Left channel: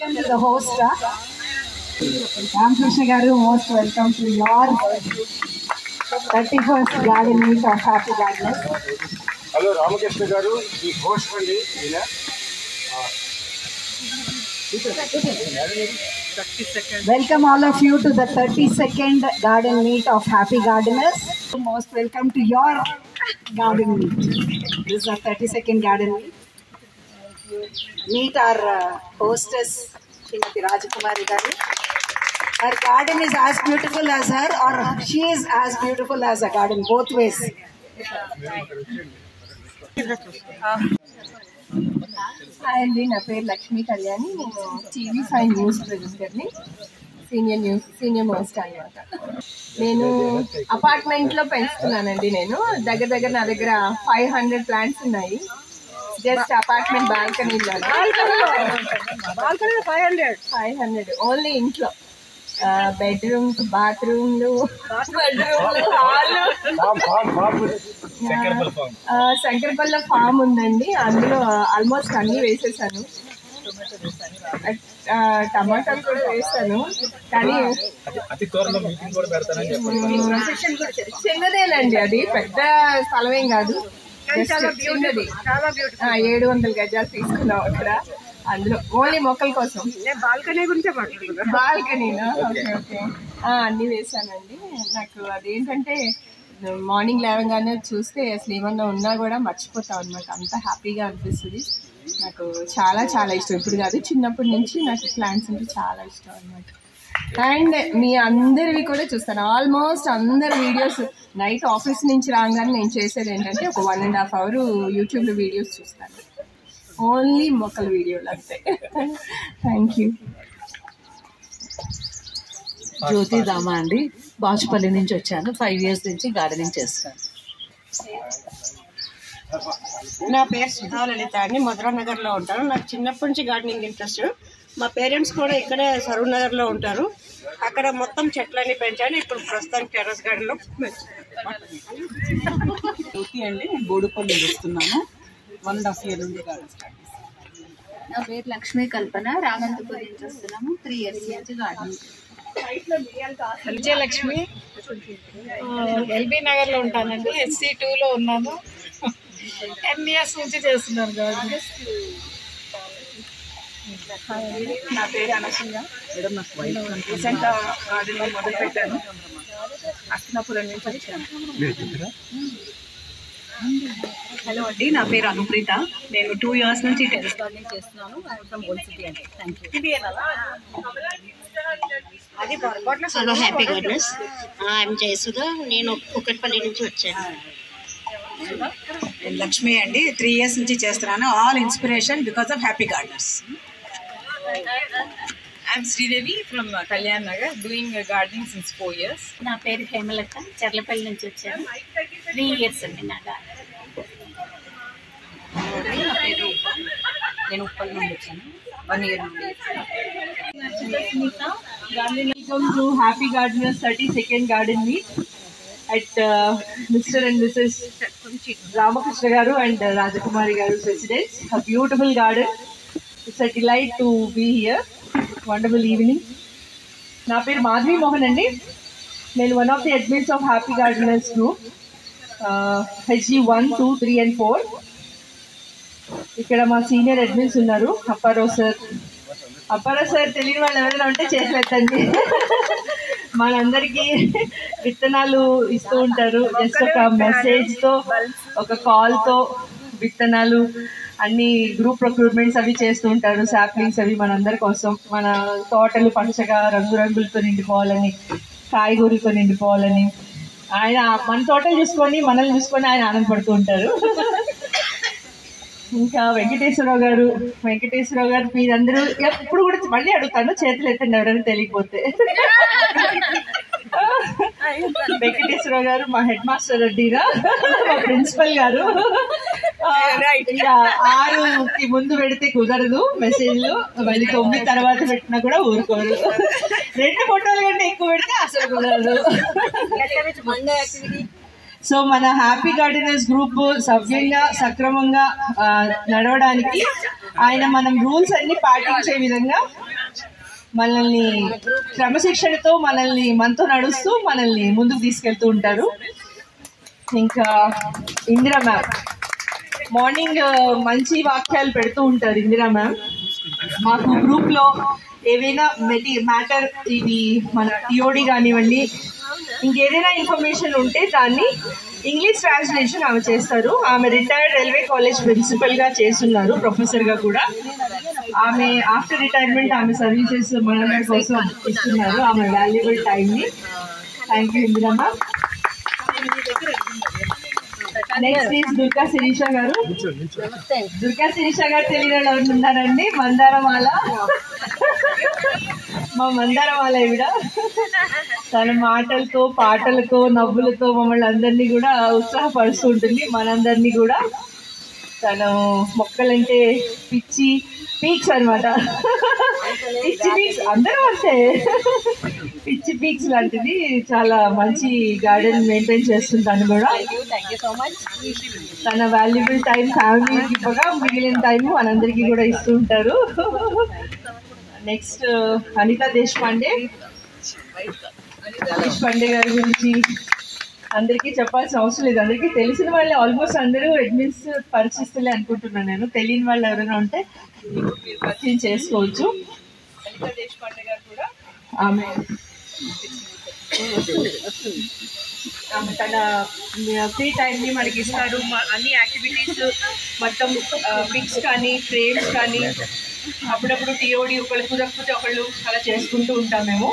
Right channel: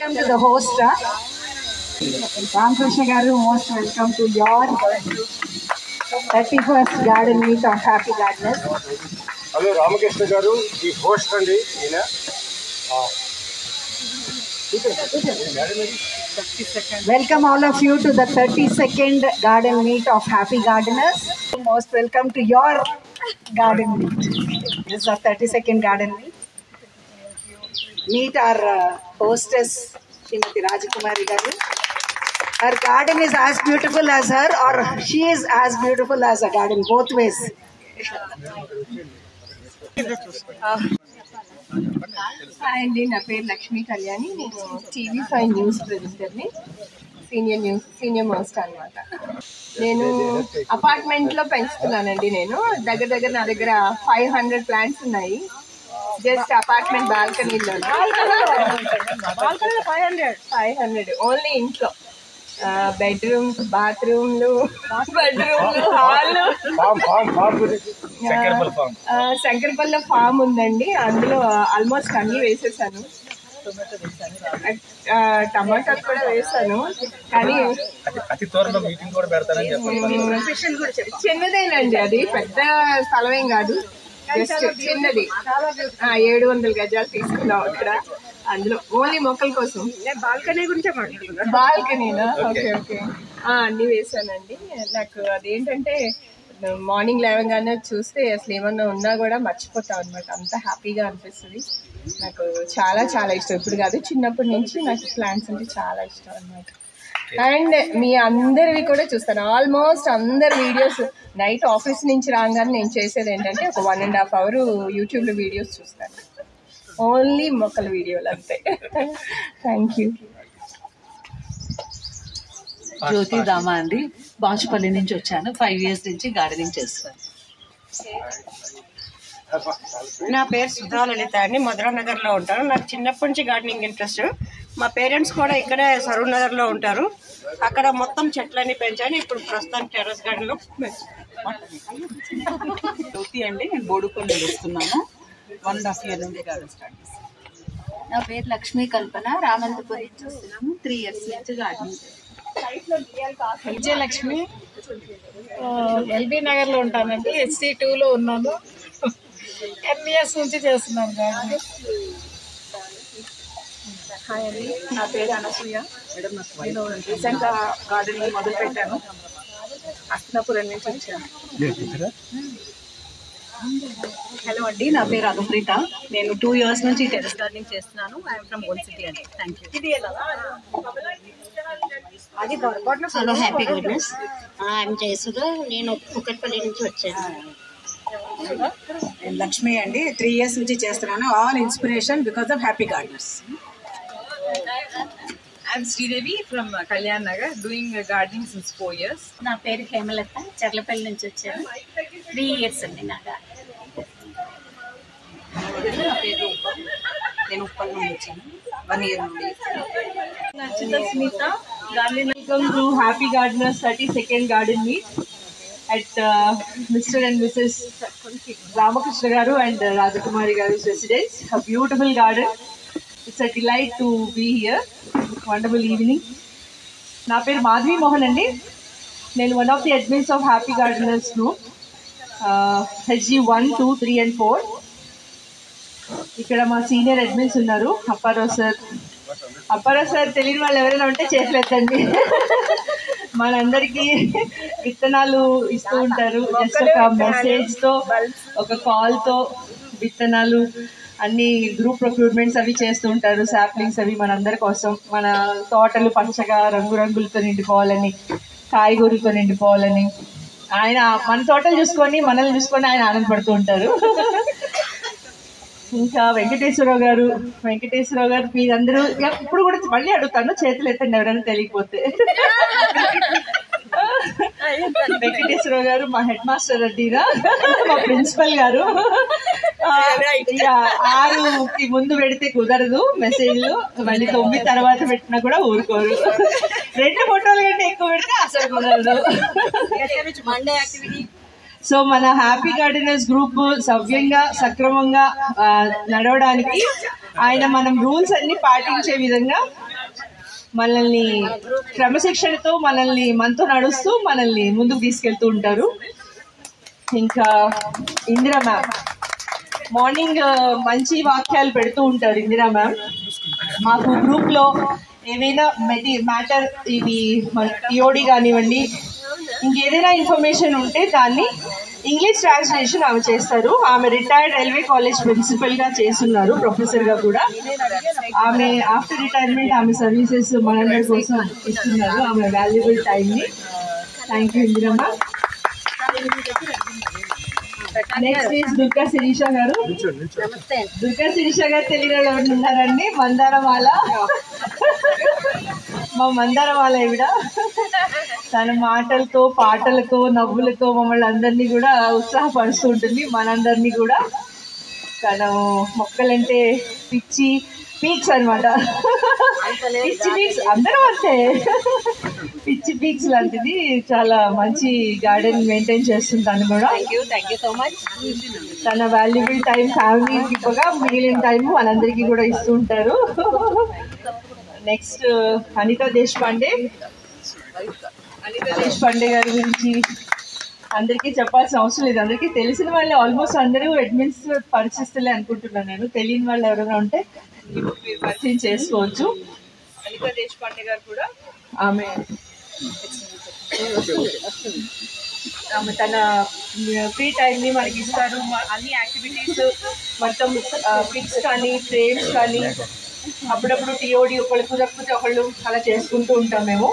Welcome to the host. Ramkrishna Garu, most welcome to your 31st garden meet of Happy Gardeners. Hello, Ramakrishna Garu, the host andi. Welcome all of you to the 32nd garden meet of Happy Gardeners. Most welcome to your garden meet. This is our 32nd garden meet. Meet our hostess, Srimati Rajakumari Garu. Her garden is as beautiful as her, or she is as beautiful as a garden, both ways. Hi అండి, నా పేరు లక్ష్మీ కళ్యాణి. నేను TV5 news ప్రొడ్యూసర్ని, senior most అనమాట. నేను అపార్ట్మెంట్లో పెంచుతున్నానండి. నేను దగ్గర నా దగ్గర 500 ప్లాంట్స్ ఉన్నాయి. జస్ట్ అపార్ట్మెంట్ బాల్కనీలో 500 ఓన్లీ ఇంట్లో. బెడ్రూమ్స్, బాత్రూమ్లు, హాల్. శంకరపల్ల ఫామ్ ఉందండి. అందులో ఆల్మోస్ట్ అన్ని వేసేసాను. టమాటాలు కూడా వేసాను. కానీ చిన్నదేనండి, అది పెద్ద స్థలమేం కాదు, జస్ట్ చిన్నది. 700 గజాలు తీసుకున్నాం అక్కడ. అందులో ఓన్లీ మొక్కల కోసం. బాల్కనీ గురించి బాల్కనీనా? ఓకే ఓకే, అన్నీ వేసానండి. నాకు అదేంటంటే మార్నింగ్ లేవగానే చూస్తే అసలు ఏమన్నా ఉన్నా కూడా మర్చిపోతాం అనమాట. అంత హ్యాపీగా అనిపిస్తుంది. నాకు చాలా చాలా ఇష్టం. ఇప్పుడు కాదు, చిన్నప్పటి నుంచి నాకు ప్లాంట్స్ అంటే చాలా ఇష్టం అనమాట. అండ్ మీ అందరివి కూడా చూస్తాను. ఆల్మోస్ట్ అందరి వీడియోస్ నైట్ ఆఫీస్ నుంచి రాగానే నేను చేసేది ఏంటంటే ఒక 1.5 hours యూట్యూబ్లో వీడియోస్ చూస్తాను. ఓన్లీ మొక్కల వీడియోలు అంతే. Thank you. జ్యోతి దామా అండి, బాచుపల్లి నుంచి వచ్చాను. 5 years నుంచి గార్డెనింగ్ చేస్తాను. నా పేరు సుధా లలిత అండి, మధురానగర్లో ఉంటాను. నాకు చిన్నప్పటి నుంచి గార్డెనింగ్ ఇంట్రెస్ట్. మా పేరెంట్స్ కూడా ఇక్కడే సరూర్ నగర్లో ఉంటారు. అక్కడ మొత్తం చెట్లన్నీ పెంచాను. ఇప్పుడు ప్రస్తుతానికి టెర్రస్ గార్డెన్లో జ్యోతి అండి, నేను బోడుపల్లి వస్తున్నాను. 1.5 years నుండి గార్డెన్ స్టార్ట్ చేస్తాను. నా పేరు లక్ష్మీ కల్పన, రామంతపూర్ నుంచి వస్తున్నాము. 3 years నుంచి గార్డెనింగ్. విజయలక్ష్మి, ఎల్బీ నగర్లో ఉంటానండి. SC2లో ఉన్నాను. 10 years నుంచి చేస్తున్నాను గార్డెనింగ్. హాయ్ అండి, నా పేరు అనసూయ. నేను రీసెంట్గా గార్డెనింగ్ మొదలు పెట్టాను. అస్తినాపురం నుంచి వచ్చాను. హలో అండి, నా పేరు అనుప్రీత. నేను 2 years నుంచి టెర్రస్ గార్డెనింగ్ చేస్తున్నాను. ఐఎమ్ ఫ్రమ్ ఓల్డ్ సిటీ అండి. Thank you. Hello happy gardeners, I'm Jayasudha. నేను కుక్కట్పల్లి నుంచి వచ్చాను. లక్ష్మి అండి, 3 years నుంచి చేస్తున్నాను. All inspiration because of happy gardeners. I'm Sridevi from Kalyan Nagar, doing gardening since 4 years. నా పేరు హేమలత, చర్లపల్లి నుంచి వచ్చాను. 3 years అండి నా గార్డెన్. నా పేరు ఉప్ప, నేను ఉప్పల్ నుండి వచ్చాను. 1 year నుండి. Smita, welcome to Happy Gardeners 32nd Garden Meet at Mr. and Mrs. Ramakrishna Garu and Rajakumari Garu's residence. A beautiful garden. It's a delight to be here. Wonderful evening. Na peru Madhvi Mohan andi. Nenu one of the admins of Happy Gardeners group. HG 1, 2, 3 and 4. ఇక్కడ మా senior admins ఉన్నారు. Apparao sir తెలియని వాళ్ళు ఎవరైనా ఉంటే చేతులెత్తండి. మనందరికీ విత్తనాలు ఇస్తూ ఉంటారు. జస్ట్ ఒక మెసేజ్తో, ఒక కాల్తో విత్తనాలు అన్ని గ్రూప్ ప్రొక్యూర్మెంట్స్ అవి చేస్తూ ఉంటారు. శాప్లింగ్స్ అవి మనందరి కోసం, మన తోటలు పచ్చగా రంగురంగులతో నిండిపోవాలని, కాయగూరలతో నిండిపోవాలని. ఆయన మన తోటలు చూసుకొని, మనల్ని చూసుకొని ఆయన ఆనందపడుతూ ఉంటారు. ఇంకా వెంకటేశ్వరరావు గారు మీరందరూ ఇప్పుడు కూడా మళ్ళీ అడుగుతాను, చేతులు ఎత్తండి ఎవరైనా తెలియకపోతే. వెంకటేశ్వరరావు గారు మా హెడ్ మాస్టర్ అడ్డీనా, మా ప్రిన్సిపల్ గారు. 6కి ముందు పెడితే కుదరదు మెసేజ్లు, మళ్ళీ 9 తర్వాత పెట్టినా కూడా ఊరుకోరు. 2 photos కంటే ఎక్కువ పెడితే అసలు కుదరదు. సో మన హ్యాపీ గార్డెనర్స్ గ్రూప్ సవ్యంగా సక్రమంగా నడవడానికి ఆయన మనం రూల్స్ అన్ని పాటించే విధంగా మనల్ని క్రమశిక్షణతో మనతో నడుస్తూ మనల్ని ముందుకు తీసుకెళ్తూ ఉంటారు. ఇంకా ఇందిరా మ్యామ్ మార్నింగ్ మంచి వాక్యాలు పెడుతూ ఉంటారు. ఇందిరా మ్యామ్ మాకు గ్రూప్లో ఏవైనా మ్యాటర్ ఇది మన టిఓడి కానివ్వండి, ఇంకేదైనా ఇన్ఫర్మేషన్ ఉంటే దాన్ని ఇంగ్లీష్ ట్రాన్స్లేషన్ ఆమె చేస్తారు. ఆమె రిటైర్డ్ రైల్వే కాలేజ్ ప్రిన్సిపల్గా చేస్తున్నారు, ప్రొఫెసర్గా కూడా. ఆమె ఆఫ్టర్ రిటైర్మెంట్ ఆమె సర్వీసెస్ మనందరి కోసం ఇస్తున్నారు ఆమె వాల్యుబుల్ టైంని. Thank you Indira ma'am. Next is Durga Sirisha garu. Durga Sirisha గారు తెలియని వాళ్ళు ఉన్నారండి. మందారమాల, మా మందారమాల ఈవిడ. తన మాటలతో పాటలతో నవ్వులతో మమ్మల్ని అందరినీ కూడా ఉత్సాహపరుస్తూ ఉంటుంది, మనందరినీ కూడా. తను మొక్కలంటే పిచ్చి పీక్స్ అనమాట. పిచ్చి పీక్స్ అందరం అంతే, పిచ్చి పీక్స్ లాంటిది. చాలా మంచి గార్డెన్ మెయింటైన్ చేస్తుంది తను కూడా. Thank you so much. తన వాల్యుబుల్ టైం ఫ్యామిలీకి కూడా మిగిలిన టైం మనందరికీ కూడా ఇస్తూ ఉంటారు. నెక్స్ట్ అనితా దేశపాండే. అనితా దేశపాండే గారి గురించి అందరికీ చెప్పాల్సిన అవసరం లేదు, అందరికీ తెలిసిన వాళ్ళు ఆల్మోస్ట్ అందరూ అడ్మిన్స్ పరిచిస్తులే అనుకుంటున్నాను నేను. తెలియని వాళ్ళు ఎవరైనా ఉంటే ఇప్పుడు మీరు పరిచయం చేసుకోవచ్చు. అనితా దేశపాండే గారు కూడా ఆమె తన ఫ్రీ టైంని మనకి ఇస్తారు. అన్ని యాక్టివిటీస్ మొత్తం పిక్స్ కానీ ఫ్రేమ్స్ కానీ అప్పుడప్పుడు టిఓడి ఒకళ్ళు కుదరకపోతే ఒకళ్ళు అలా చేసుకుంటూ ఉంటాం మేము.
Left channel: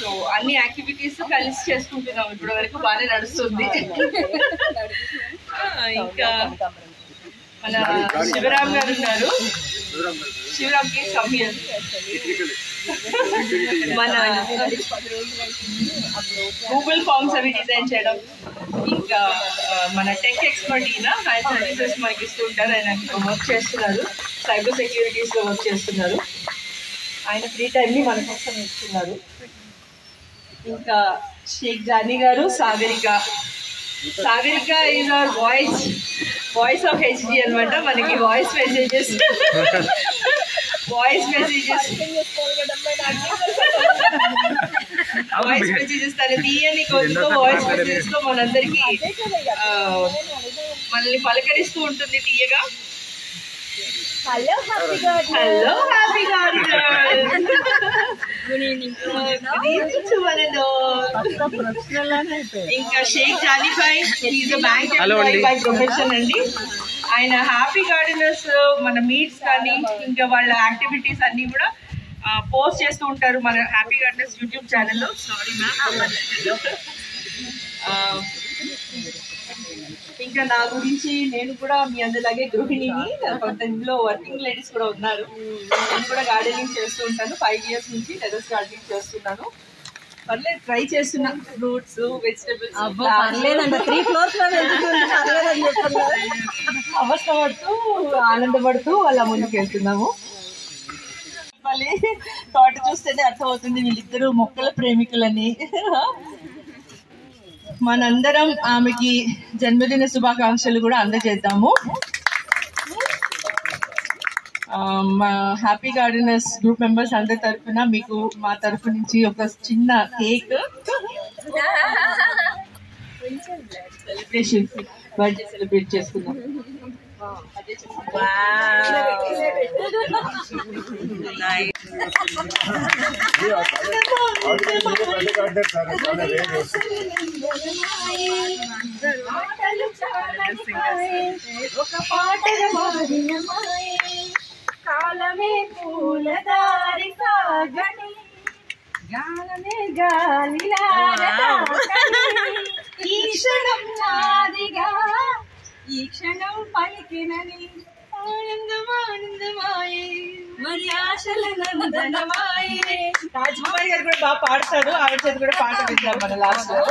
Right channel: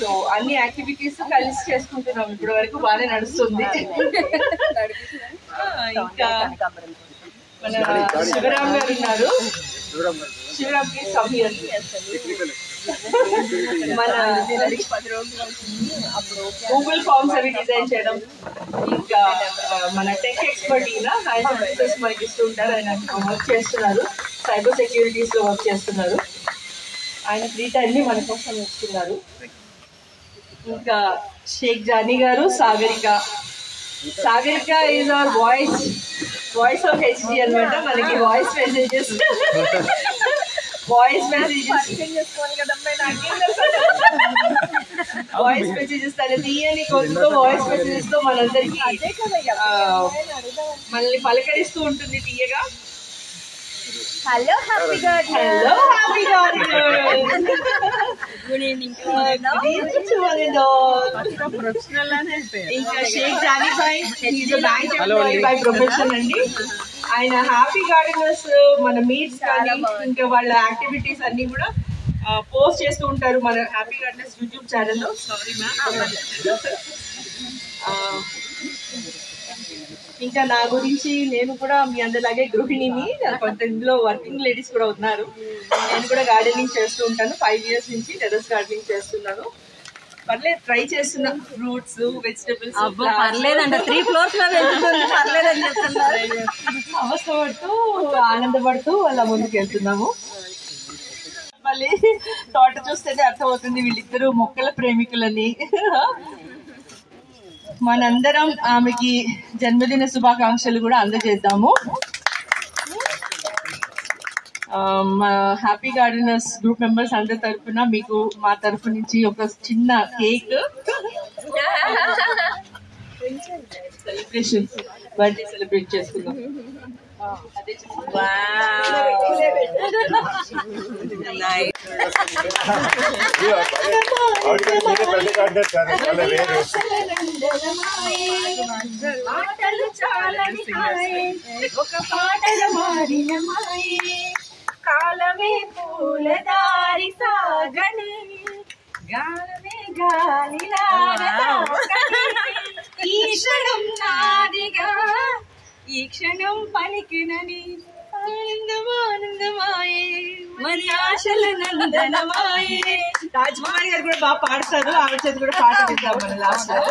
సో అన్ని యాక్టివిటీస్ కలిసి చేసుకుంటున్నాం ఇప్పటి వరకు, బాగానే నడుస్తుంది. ఇంకా మన శివరామ్ గారు ఉన్నారు. శివరామ్ కి సమయం మన గూగుల్ ఫార్మ్స్ అవి డిజైన్ చేయడం, ఇంకా మన టెక్ ఎక్స్పర్ట్ ఈయన, ఆయన సర్వీసెస్ మనకి ఇస్తూ ఉంటారు. ఆయన వర్క్ చేస్తున్నారు, సైబర్ సెక్యూరిటీస్ లో వర్క్ చేస్తున్నారు. ఆయన ఫ్రీ టైంని మన కోసం ఇస్తున్నారు. ఇంకా షేక్ జానీ గారు. Sagarika is our voice of HD అనమాట. మనకి వాయిస్ మెసేజెస్ తన తీయని కొద్దితో వాయిస్ మెసేజెస్ తో మనందరికి మనల్ని పలకరిస్తూ ఉంటుంది తీయగా. Hello happy garden. Good evening. ఇంకా Sheikh Jani bhai, is a bank employee by profession అండి. ఆయన హ్యాపీ గార్డెనర్స్ మన మీట్స్ కానీ ఇంకా వాళ్ళ యాక్టివిటీస్ అన్ని కూడా పోస్ట్ చేస్తూ ఉంటారు మన హ్యాపీ గార్డెనర్స్ యూట్యూబ్ ఛానల్లో. Sorry ma'am. ఇంకా నా గురించి, నేను కూడా మీ అందరిలాగే గృహిణిని, కొంత ఇందులో వర్కింగ్ లేడీస్ కూడా ఉన్నారు. నేను కూడా గార్డెనింగ్ చేస్తూ ఉంటాను. 5 years నుంచి టెర్రస్ గార్డెనింగ్ చేస్తున్నాను. పర్లేదు, ట్రై చేస్తున్నా. ఫ్రూట్స్, వెజిటబుల్స్ పర్లేదండి, 3 floors లో పర్లేదని చెప్తున్నారు. అవస్థపడుతూ ఆనందపడుతూ అలా ముందుకు వెళ్తున్నాము. మళ్ళీ తోట చూస్తేనే అర్థమవుతుంది వీళ్ళిద్దరూ మొక్కల ప్రేమికులని. మనందరం ఆమెకి జన్మదిన శుభాకాంక్షలు కూడా అందజేద్దాము. మా హ్యాపీ గార్డెనర్స్ గ్రూప్ మెంబర్స్ అందరి తరఫున మీకు మా తరఫు నుంచి ఒక చిన్న కేక్ సెలబ్రేషన్, బర్త్డే సెలబ్రేట్ చేసుకుందాం. ఒక పాటల మారిన మాయే, కాలమే పూలదారి సాగని, గాలమే గాలిలాగా ఈ క్షణం నాదిగా, ఈ క్షణం పలికినని ఆనందమానందమాయే, మరి ఆశల నందనమాయే. రాజ్కుమారి గారు కూడా బాగా పాడతారు, ఆవిడ చేతి కూడా పాట వింటాం మన లాస్ట్ లో.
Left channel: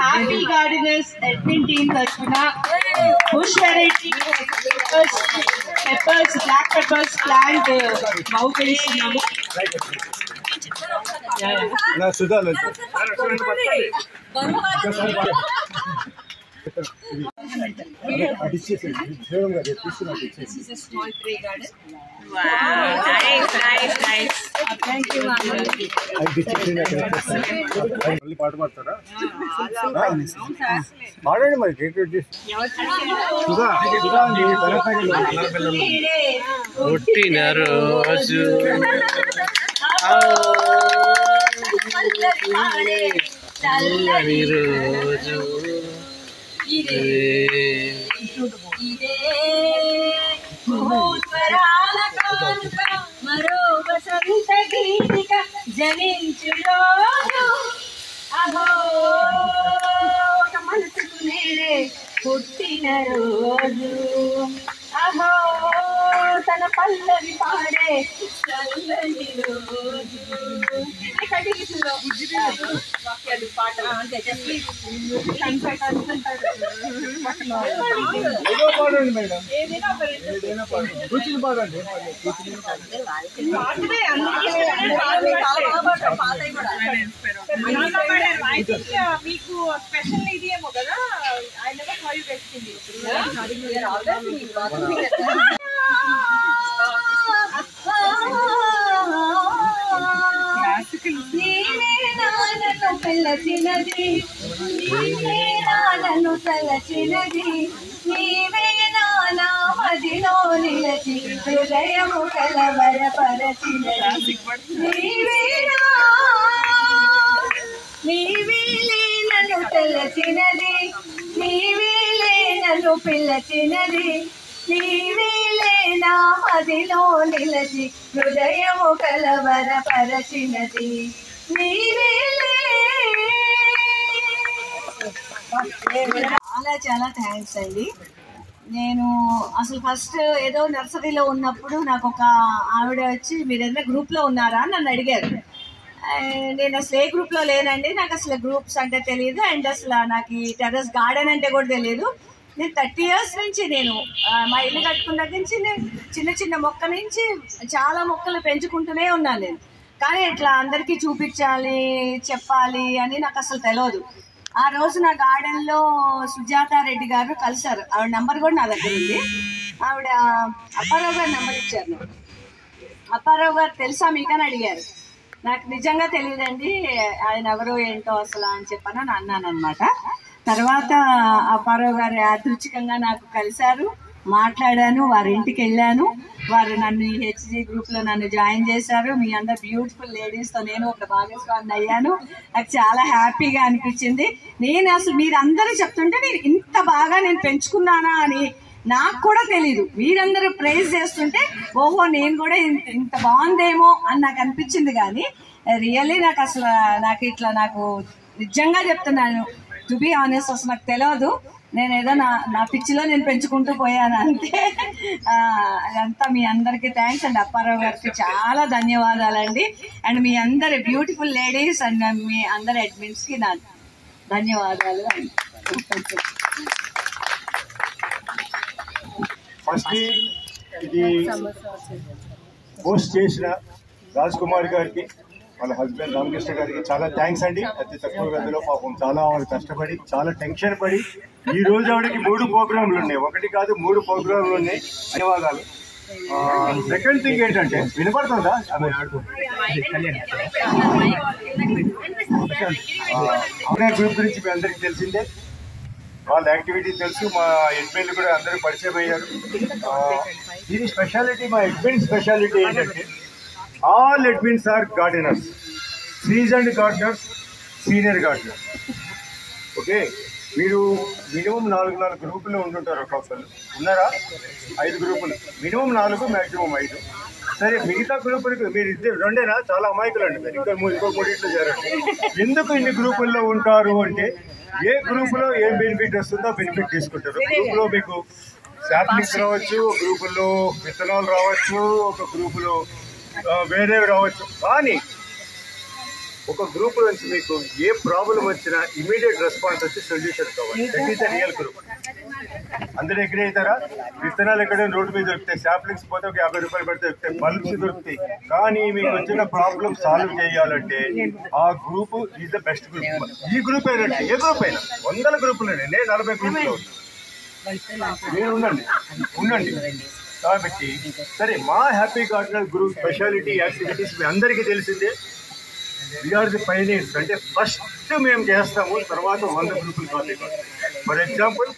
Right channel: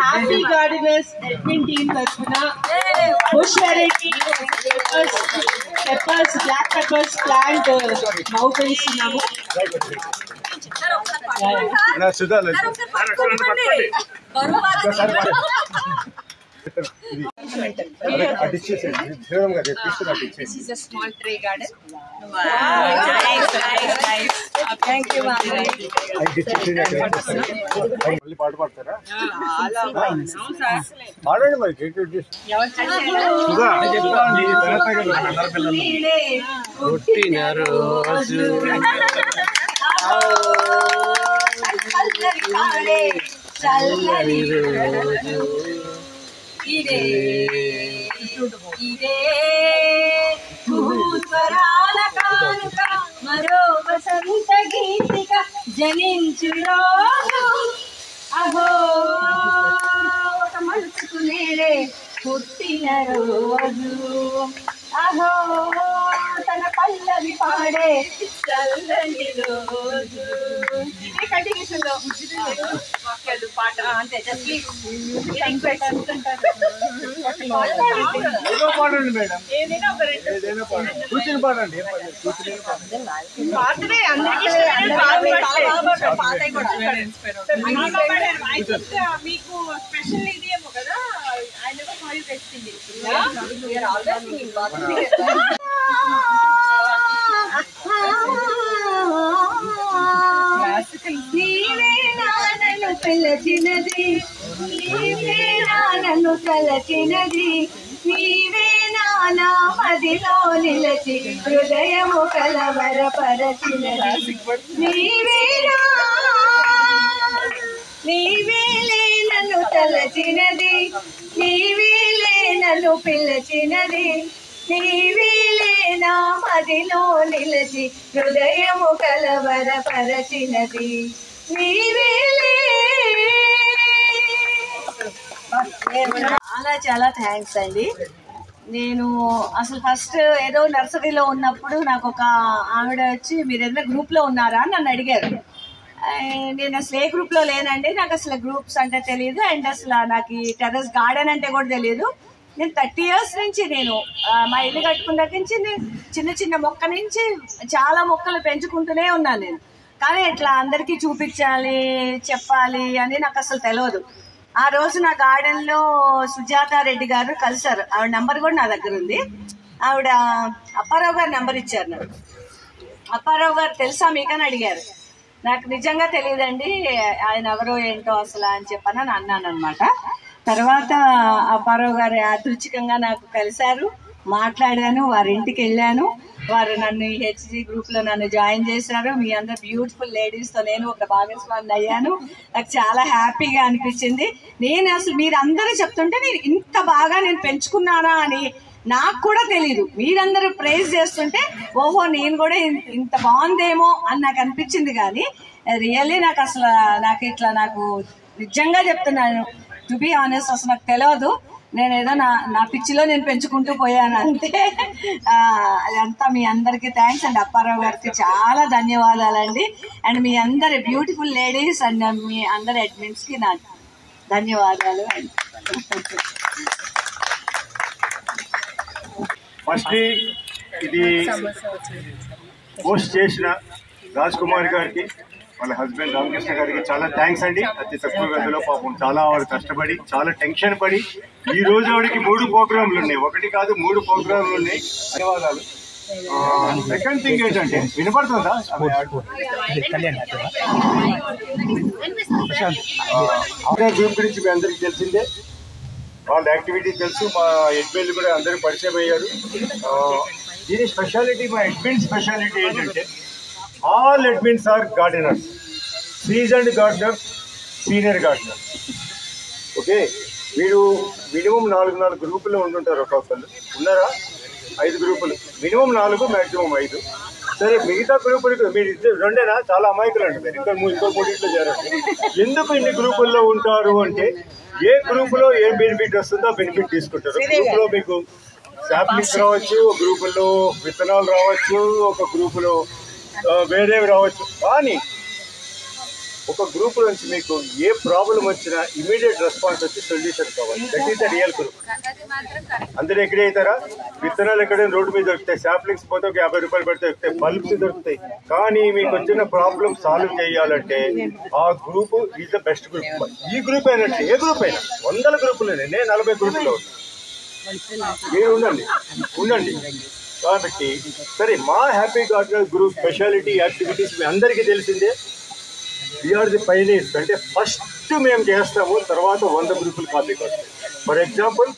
హ్యాపీ గార్డెనర్స్ అడ్మిన్ టీమ్ తరఫున bush variety peppers, black peppers plant బహుకరిస్తున్నాము. This is a small tree garden. Thank you, పాట పాడతారా? పాడండి మరి. పుట్టిన రోజు చల్లని రోజు ఇదే భూస్వరాల కానుక మరో వసంత గీతిక జనించు రోజు. అహో ఒక మనసుకు నేనే పుట్టిన రోజు. అహో తన పల్లవి పాడే చల్లని రోజు. కంటిన్యూషన్లో వాక్యాలు పాట అంతే. జస్ట్ పాడండి మేడం. ఏదైనా ఒక ఏదైనా పాడండి. కూర్చుని పాడండి. మీకు స్పెషల్ ఇది ఏమో కదా. I never how you get Singh. నీవే నానను పిలచినది, నీవే నానను తలచినది, నీవే నానా మదిలో నిలచి హృదయము కలవరపరచినది. నీవేలే నన్ను తలచినది, నీవేలే నన్ను పిలచినది, నీవేలే నా మదిలో నిలచి హృదయము కలవరపరచినది. నీవేలే. చాలా చాలా థ్యాంక్స్ అండి. నేను అసలు ఫస్ట్ ఏదో నర్సరీలో ఉన్నప్పుడు నాకు ఒక ఆవిడ వచ్చి మీరు ఏదైనా గ్రూప్లో ఉన్నారా అని నన్ను అడిగారు. నేను అసలు ఏ గ్రూప్లో లేనండి, నాకు అసలు గ్రూప్స్ అంటే తెలియదు, అండ్ అసలు నాకు ఈ టెర్రస్ గార్డెన్ అంటే కూడా తెలియదు. నేను 30 years నుంచి నేను మా ఇల్లు కట్టుకున్న దగ్గర నుంచి నేను చిన్న చిన్న మొక్క నుంచి చాలా మొక్కలు పెంచుకుంటూనే ఉన్నాను నేను. కానీ ఇట్లా అందరికీ చూపించాలి చెప్పాలి అని నాకు అసలు తెలియదు. ఆ రోజు నా గార్డెన్లో సుజాత రెడ్డి గారు కలిసారు. ఆవిడ నెంబర్ కూడా నా దగ్గర ఉంది. ఆవిడ అప్పారావు గారు నెంబర్ ఇచ్చారు నాకు. అప్పారావు గారు తెలుసా మీకని అడిగారు. నాకు నిజంగా తెలియదండి ఆయన ఎవరో ఏంటో అసలు అని చెప్పని అన్నాను అనమాట. తర్వాత అప్పారావు గారు యాదృచ్ఛికంగా నాకు కలిశారు, మాట్లాడాను, వారి ఇంటికి వెళ్ళాను. వారు నన్ను ఈ హెచ్జీ గ్రూప్లో నన్ను జాయిన్ చేశారు. మీ అందరు బ్యూటిఫుల్ లేడీస్తో నేను ఒక భాగస్వామిని అయ్యాను. నాకు చాలా హ్యాపీగా అనిపించింది. నేను అసలు మీరందరూ చెప్తుంటే నేను ఇంత బాగా నేను పెంచుకున్నానా అని నాకు కూడా తెలీదు. మీరందరూ ప్రైజ్ చేస్తుంటే ఓహో నేను కూడా ఇంత బాగుందేమో అని నాకు అనిపించింది. కానీ రియల్లీ నాకు అసలు నాకు నిజంగా చెప్తున్నాను, టు బీ ఆనెస్ట్, అసలు నాకు తెలియదు. నేను ఏదో నా పిచ్చిలో నేను పెంచుకుంటూ పోయాను అంతే. అదంతా మీ అందరికీ థ్యాంక్స్ అండి. అప్పారావు గారికి చాలా ధన్యవాదాలండి. అండ్ మీ అందరి బ్యూటిఫుల్ లేడీస్ అండ్ మీ అందరి అడ్మిన్స్కి నా ధన్యవాదాలు. ఫస్ట్ ఇది పోస్ట్ చేసిన రాజ్ కుమార్ గారికి, వాళ్ళ హస్బెండ్ రామకృష్ణ గారికి చాలా థ్యాంక్స్ అండి. అతి తక్కువ గదిలో పాపం చాలా ఆవిడ కష్టపడి చాలా టెన్షన్ పడి ఈ రోజు ఆవిడకి 3 ప్రోగ్రాంలు ఉన్నాయి. 1 కాదు 3 ప్రోగ్రాంలు ఉన్నాయి. ధన్యవాదాలు. సెకండ్ థింగ్ ఏంటంటే వినపడుతుందా? గ్రూప్ గురించి మీ అందరికీ తెలిసిందే, వాళ్ళ యాక్టివిటీ తెలుసు. మా అడ్మిన్లు కూడా అందరూ పరిచయం అయ్యారు. దీని స్పెషాలిటీ, మా అడ్మిన్ స్పెషాలిటీ ఏంటంటే all admins are gardeners, seasoned gardeners, senior gardeners. Okay, మీరు మినిమం 4 గ్రూపులు ఉంటుంటారు. ఒక్కొక్కరు ఉన్నారా? 5 గ్రూపులు, మినిమం 4, మ్యాక్సిమం 5. సరే, మిగతా గ్రూపులకు మీరు 2 చాలా అమాయకులు అండి. మీరు ఇంకో 3 చేరండి. ఎందుకు ఇన్ని గ్రూపుల్లో ఉంటారు అంటే ఏ గ్రూపులో ఏం బెనిఫిట్ వస్తుందో బెనిఫిట్ తీసుకుంటారు. గ్రూపులో మీకు శాంప్లింగ్స్ రావచ్చు, గ్రూపుల్లో విత్తనాలు రావచ్చు, ఒక గ్రూపులో వేరేవి రావచ్చు. కానీ ఒక గ్రూప్ నుంచి మీకు ఏ ప్రాబ్లం వచ్చినా ఇమీడియట్ రెస్పాన్స్ వచ్చి సొల్యూషన్ కావాలి. That is the real group. అందరూ ఎగ్రీ అవుతారా? విత్తనాలు ఎక్కడైనా రోడ్డు మీద దొరుకుతాయి, శాప్లింగ్స్ పోతే ఒక 50 రూపాయలు పెడితే దొరుకుతాయి, బల్బ్స్ దొరుకుతాయి. కానీ మీకు వచ్చిన ప్రాబ్లం సాల్వ్ చేయాలంటే ఆ group is the best group. ఈ గ్రూప్ అయినట్టు ఏ గ్రూప్ అయినా 100 గ్రూపులు, నేను 40 గ్రూపుల్లో ఉన్నాను. మీరు ఉండండి. కాబట్టి సరే, మా happy gardeners group speciality activities మీ అందరికీ తెలిసిందే. We are the pioneers. అంటే ఫస్ట్ మేము చేస్తాము, తర్వాత 100 గ్రూపులు కాపీ కొడతాం. ఫర్ ఎగ్జాంపుల్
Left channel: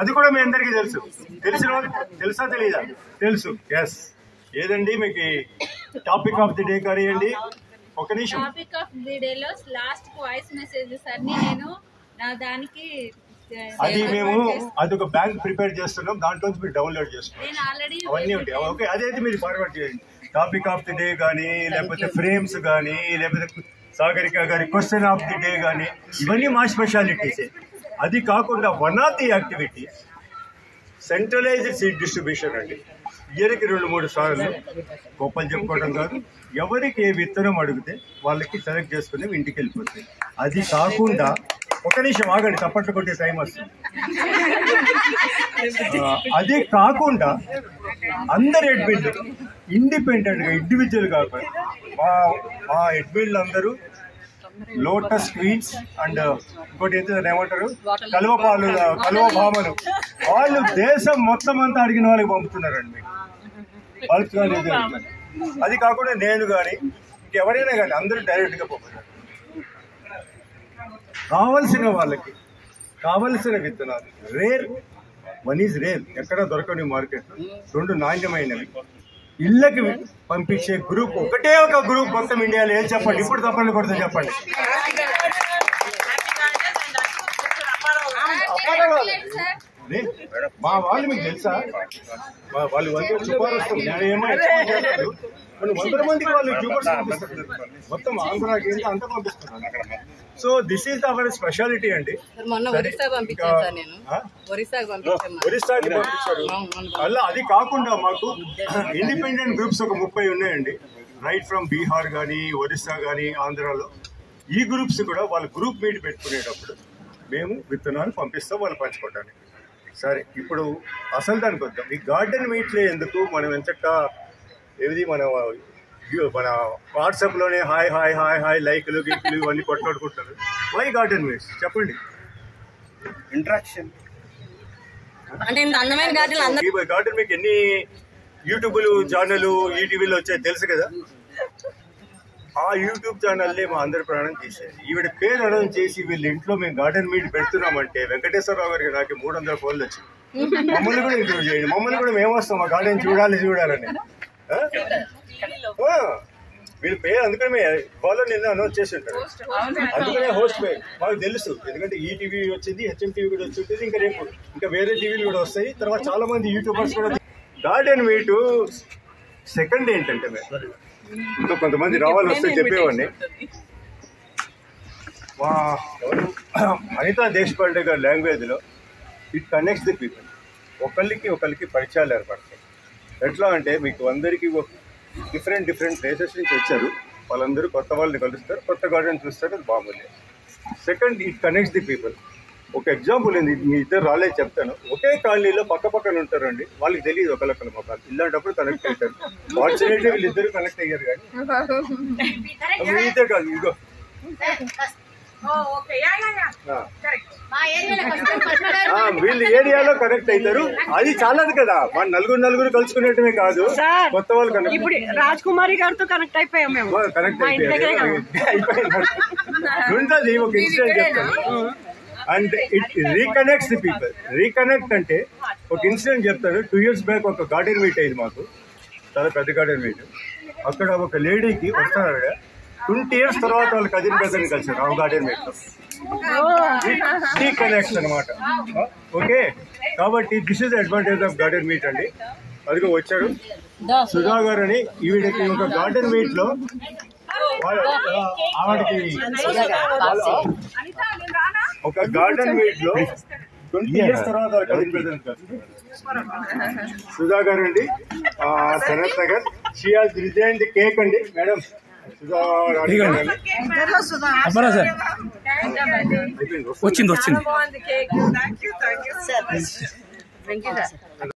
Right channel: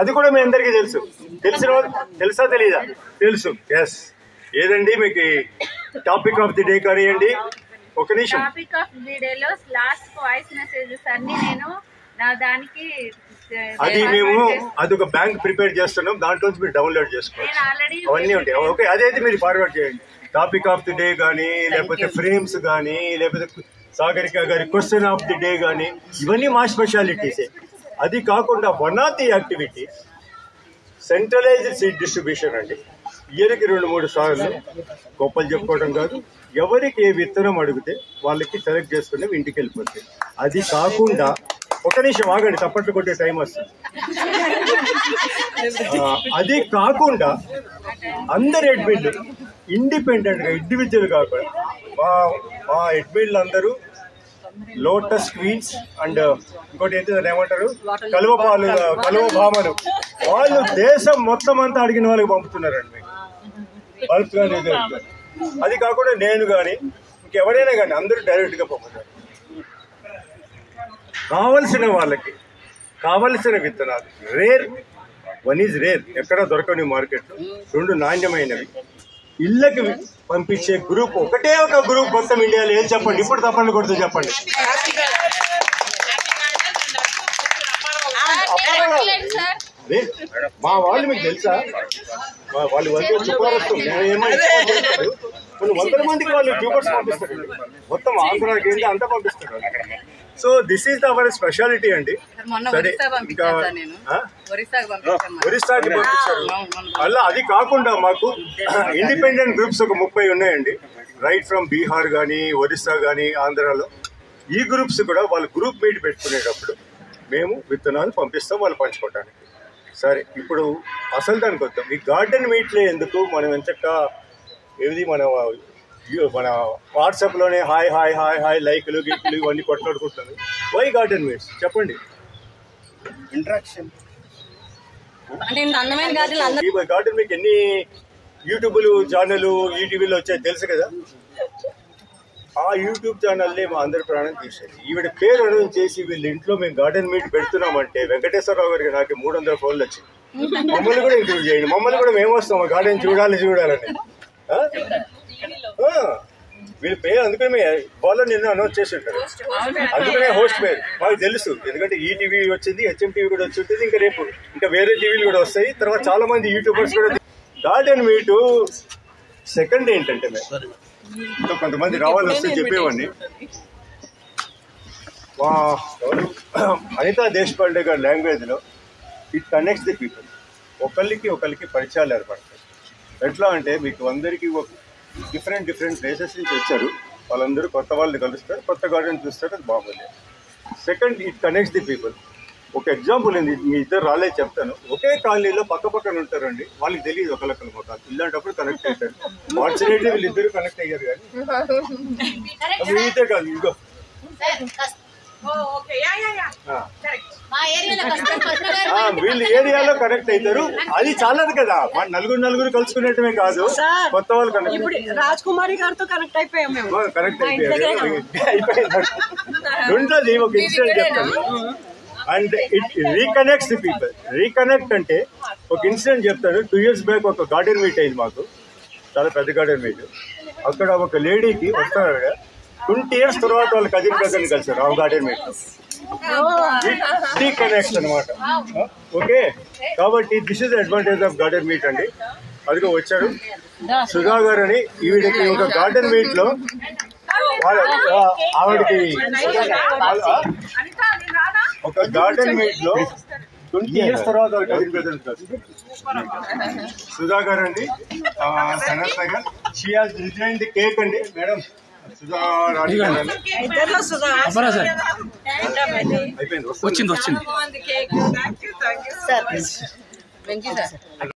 అది కూడా మీ అందరికీ తెలిసిన వాళ్ళు తెలుసా తెలీదా? తెలుసు. ఎస్. ఏదండి మీకు టాపిక్ ఆఫ్ ది డే కానివ్వండి. ఒక నిమిషం. టాపిక్ ఆఫ్ ది డే లో లాస్ట్ వాయిస్ మెసేజెస్ అన్ని నేను దానికి మేము అదొక బ్యాంక్ ప్రిపేర్ చేస్తున్నాం, దాంట్లో మీరు డౌన్లోడ్ చేసుకోండి. అవన్నీ ఉంటాయి. ఓకే, అదైతే మీరు ఫార్వర్డ్ చేయండి. టాపిక్ ఆఫ్ ది డే కానీ, లేకపోతే ఫ్రేమ్స్ కానీ, లేకపోతే సాగరిక గారి క్వశ్చన్ ఆఫ్ ది డే కానీ, ఇవన్నీ మా స్పెషాలిటీసే. అది కాకుండా one of the activity centralised seed distribution అండి. ఇయర్కి 2-3 సార్లు గొప్పలు చెప్పుకోవడం కాదు, ఎవరికి ఏ విత్తనం అడిగితే వాళ్ళకి సెలెక్ట్ చేసుకుని ఇంటికి వెళ్ళిపోతాయి. అది కాకుండా ఒక నిమిషం ఆగండి, తప్పట్లు కొట్టే టైం వస్తుంది. అది కాకుండా అందరు అడ్మిన్లు ఇండిపెండెంట్గా, ఇండివిజువల్ కాకుండా మా అడ్మిన్లు అందరూ లోటస్ క్వీన్స్ అండ్ ఇంకోటి ఏంటంటే ఏమంటారు, కలువ భామలు, వాళ్ళు దేశం మొత్తం అంతా అడిగిన వాళ్ళకి పంపుతున్నారండి మీకు బల్బ్స్ కానీ. అది కాకుండా నేను కానీ ఇంకెవరైనా కానీ అందరూ డైరెక్ట్గా పంపుతారు. కావలసిన వాళ్ళకి కావలసిన విత్తనాలు వన్ ఈజ్ రేర్, ఎక్కడ దొరకని మార్కెట్లో. 2 నాణ్యమైనవి ఇళ్ళకి పంపించే గ్రూప్ ఒకటే ఒక గ్రూప్ మొత్తం ఇండియాలో. ఏం చెప్పండి? ఇప్పుడు తప్పండి కొడుతూ చెప్పండి. మా వాళ్ళు మీకు తెలుసా? వాళ్ళు వచ్చే చుపారస్తు ఏమో ఎక్స్పోర్ట్ చేస్తారు. కొన్ని 100 మందికి వాళ్ళు ట్యూబర్స్ పంపిస్తారు, మొత్తం ఆంధ్రాకి ఏంటి అంతా పంపిస్తారు. So this is our speciality అండి. సరే, ఇంకా ఒరిస్సాకి పంపించారు. అలా అది కాకుండా మాకు ఇండిపెండెంట్ గ్రూప్స్ ఒక 30 ఉన్నాయండి. రైట్ ఫ్రమ్ బీహార్ కానీ, ఒరిస్సా కానీ, ఆంధ్రాలో. ఈ గ్రూప్స్ కూడా వాళ్ళు గ్రూప్ మీట్ పెట్టుకునేటప్పుడు మేము విత్తనాలు పంపిస్తాం వాళ్ళు పంచుకోవడానికి. సరే, ఇప్పుడు అసలు దానికి వద్దాం. ఈ గార్డెన్ మీట్లో ఎందుకు మనం ఎంచక్క ఏది మన వాట్సాప్లోనే హాయ్ హాయ్ హాయ్ హాయ్ లైక్లు గిక్లు ఇవన్నీ కొట్లాడుకుంటున్నారు. వై గార్డెన్ మీట్స్ చెప్పండి? ఇంట్రాక్షన్. ఈ గార్డెన్ మీకు ఎన్ని యూట్యూబ్లు ఛానళ్ళు ఈటీవీలో వచ్చాయి తెలుసు కదా. ఆ యూట్యూబ్ ఛానల్ని మా అందరి ప్రాణం తీసేది. ఈవిడ పేరు అనౌన్స్ చేసి వీళ్ళ ఇంట్లో మేము గార్డెన్ మీట్ పెడుతున్నామంటే వెంకటేశ్వరరావు గారికి నాకు 300 ఫోన్లు వచ్చింది. మమ్మల్ని కూడా ఇంటర్వ్యూ చేయండి, మమ్మల్ని కూడా మేము వస్తాం ఆ గార్డెన్ చూడాలని. వీళ్ళ పేరు అందుకని ఫాలో నిన్న అనౌన్స్ చేసి ఉంటారు, అందుకనే హోస్ట్ పేరు మాకు తెలుసు. ఎందుకంటే ఈటీవీ వచ్చింది, హెచ్ఎంటీవీ కూడా వచ్చి ఉంటుంది, ఇంకా వేరే టీవీలు కూడా వస్తాయి. తర్వాత చాలా మంది యూట్యూబర్స్ కూడా. గార్డెన్ మీటు సెకండ్ ఏంటంటే ఇంకా కొంతమంది రావాలి వస్తే చెప్పేవాడిని. అనితా దేశపాండే గారి లాంగ్వేజ్లో ఇట్ కనెక్ట్స్ ది పీపుల్. ఒకరికి పరిచయాలు ఏర్పడతాయి. ఎట్లా అంటే మీకు అందరికీ డిఫరెంట్ ప్లేసెస్ నుంచి వచ్చారు, వాళ్ళందరూ కొత్త వాళ్ళని కలుస్తారు, కొత్త గార్డెన్ చూస్తారు, అది బాగుంది. Second, it connects the people. ఒక ఎగ్జాంపుల్ ఏంది, మీ ఇద్దరు రాలేదు చెప్తాను. ఒకే కాలనీలో పక్కన ఉంటారండి, వాళ్ళకి తెలియదు ఒకళ్ళొక్కళ్ళ మొక్కలు. ఇలాంటప్పుడు కనెక్ట్ అవుతారు. ఫార్చునేట్లీ వీళ్ళిద్దరు కనెక్ట్ అయ్యారు. కానీ మీతో కాదు, ఇదిగో వీళ్ళు ఏరియాలో కనెక్ట్ అవుతారు. అది చాలదు కదా, మన నలుగురు కలుసుకునేటమే కాదు, కొత్త వాళ్ళు కనెక్ట్. రాజ్ కుమారి గారితో కనెక్ట్ అయిపోయాం. కనెక్ట్ అయిపోయింది. ఒక ఇన్సిడెంట్ చెప్తాను. And it reconnects the people. Reconnect అంటే ఒక ఇన్సిడెంట్ చెప్తాను. 2 years బ్యాక్ ఒక గార్డెన్ మీట్ అయింది మాకు, చాలా పెద్ద గార్డెన్ మీట్. అక్కడ ఒక లేడీకి వస్తారు 20 years తర్వాత వాళ్ళ కజిన్ బ్రదర్ని కలిసారు ఆ గార్డెన్ మీట్. రీకనెక్ట్స్ అనమాట. ఓకే, కాబట్టి this is advantage of garden meet అండి. అదిగో వచ్చాడు సుధా గారు అని. ఈవిడకి ఒక గార్డెన్ మీట్ లో ఆవిడకి ఒక గార్డెన్ మీట్ లో 20 years తర్వాత కజిన్ బ్రదర్ని కలిసారు. సుధా గారు అండి, Sanath Nagar. She has design the cake అండి. మేడం సుధా రాణి గారు ఇద్దరులో సుధా వచ్చింది కేక్ థ్యాంక్ యూ సార్